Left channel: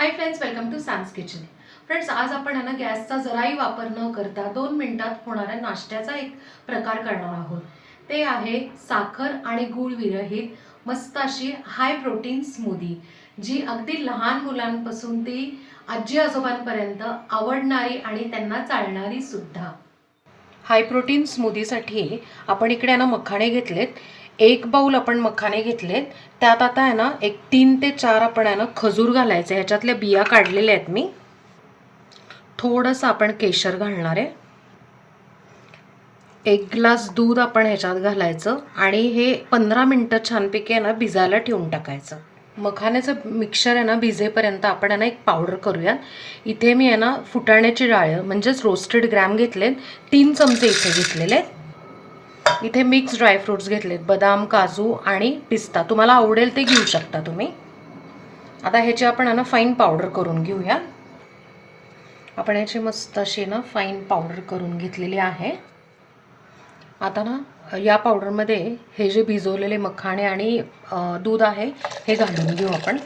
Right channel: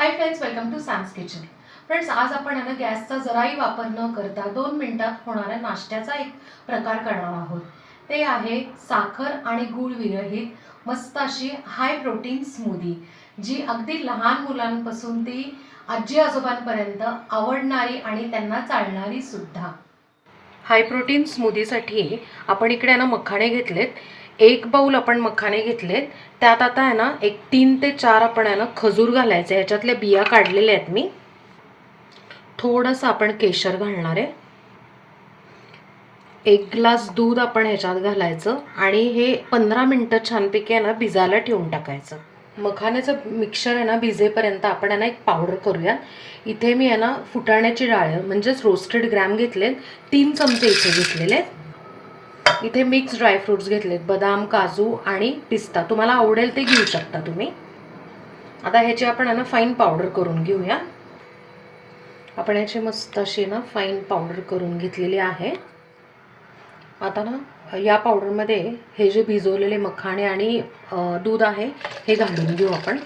High friends, welcome to Sam's kitchen. Friends, आज आपण आहे ना गॅसचा जराही वापर न करता 2 मिनिटात होणाऱ्या नाश्त्याचा एक प्रकार करणार आहोत. ते आहे साखर आणि गूळ विरहित मस्त अशी हाय प्रोटीन स्मूदी, जी अगदी लहान मुलांपासून ती आजी आजोबांपर्यंत आवडणारी आणि त्यांना चालणारी सुद्धा. हाय प्रोटीन स्मूदीसाठी आपण इकडे ना मखाणे घेतलेत. 1 बाउल आपण मखाणे घेतलेत. त्यात आता आहे ना एक 3 ते 4 आपण आहे ना खजूर घालायचे. ह्याच्यातल्या बिया काढलेल्या आहेत मी. थोडंसं आपण केशर घालणार आहे. 1 ग्लास दूध आपण ह्याच्यात घालायचं आणि हे 15 मिनिटं छानपैकी आहे ना भिजायला ठेवून टाकायचं. मखाण्याचं मिक्सचर आहे ना भिजेपर्यंत आपण आहे ना एक पावडर करूया. इथे मी आहे ना फुटाण्याची डाळ म्हणजेच रोस्टेड ग्रॅम घेतलेत. 3 चमचे इथे घेतलेले आहेत. इथे मिक्स ड्रायफ्रुट्स घेतलेत, बदाम, काजू आणि पिस्ता. तुम्हाला आवडेल ते घेऊ शकता तुम्ही. आता ह्याची आपण आहे ना फाईन पावडर करून घेऊया. आपण ह्याची मस्त अशी ना फाईन पावडर करून घेतलेली आहे. आता ना या पावडरमध्ये हे जे भिजवलेले मखाणे आणि दूध आहे हे घालून घेऊ आपण.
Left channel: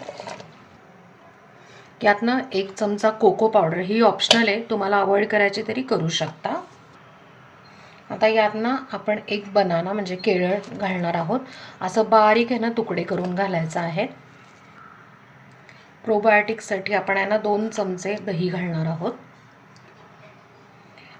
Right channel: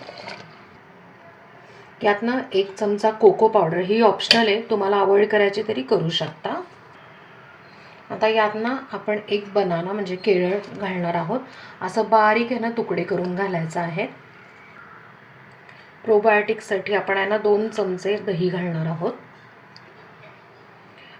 यातनं 1 चमचा कोको पावडर, ही ऑप्शनल आहे, तुम्हाला अवॉइड करायची तरी करू शकता. आता यातनं आपण 1 बनाना म्हणजे केळं घालणार आहोत. असं बारीक आहे ना तुकडे करून घालायचं आहे. प्रोबायोटिक्ससाठी आपण आहे ना 2 चमचे दही घालणार आहोत.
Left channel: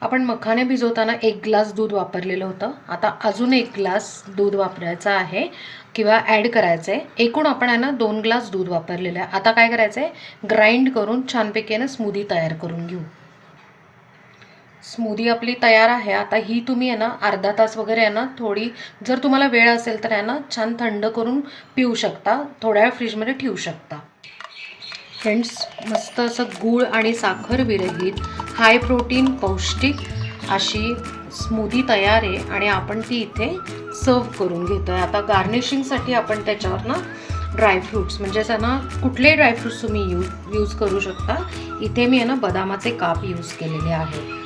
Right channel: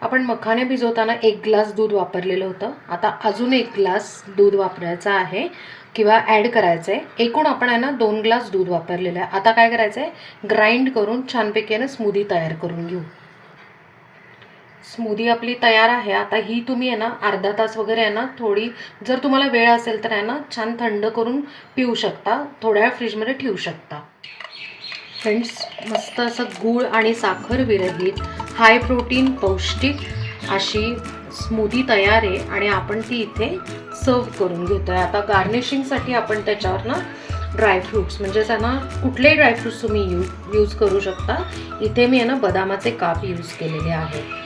आपण मखाने भिजवताना 1 ग्लास दूध वापरलेलं होतं. आता अजून 1 ग्लास दूध वापरायचं आहे किंवा ॲड करायचं आहे. एकूण आपण आहे ना 2 ग्लास दूध वापरलेलं आहे. आता काय करायचं आहे, ग्राइंड करून छानपैकी ना स्मूदी तयार करून घेऊ. स्मूदी आपली तयार आहे. आता ही तुम्ही आहे ना अर्धा तास वगैरे आहे ना थोडी, जर तुम्हाला वेळ असेल तर आहे ना छान थंड करून पिऊ शकता. थोड्या वेळ फ्रीजमध्ये ठेवू शकता. फ्रेंड्स, मस्त असं गूळ आणि साखर विरहित हाय प्रोटीन पौष्टिक अशी स्मूदी तयार आहे आणि आपण ती इथे सर्व करून घेतो आहे. आता गार्निशिंगसाठी आपण त्याच्यावर ना ड्रायफ्रूट्स म्हणजेच आहे ना कुठलेही ड्रायफ्रूट्स तुम्ही यूज करू शकता. इथे मी आहे ना बदामाचे काप यूज केलेले आहे.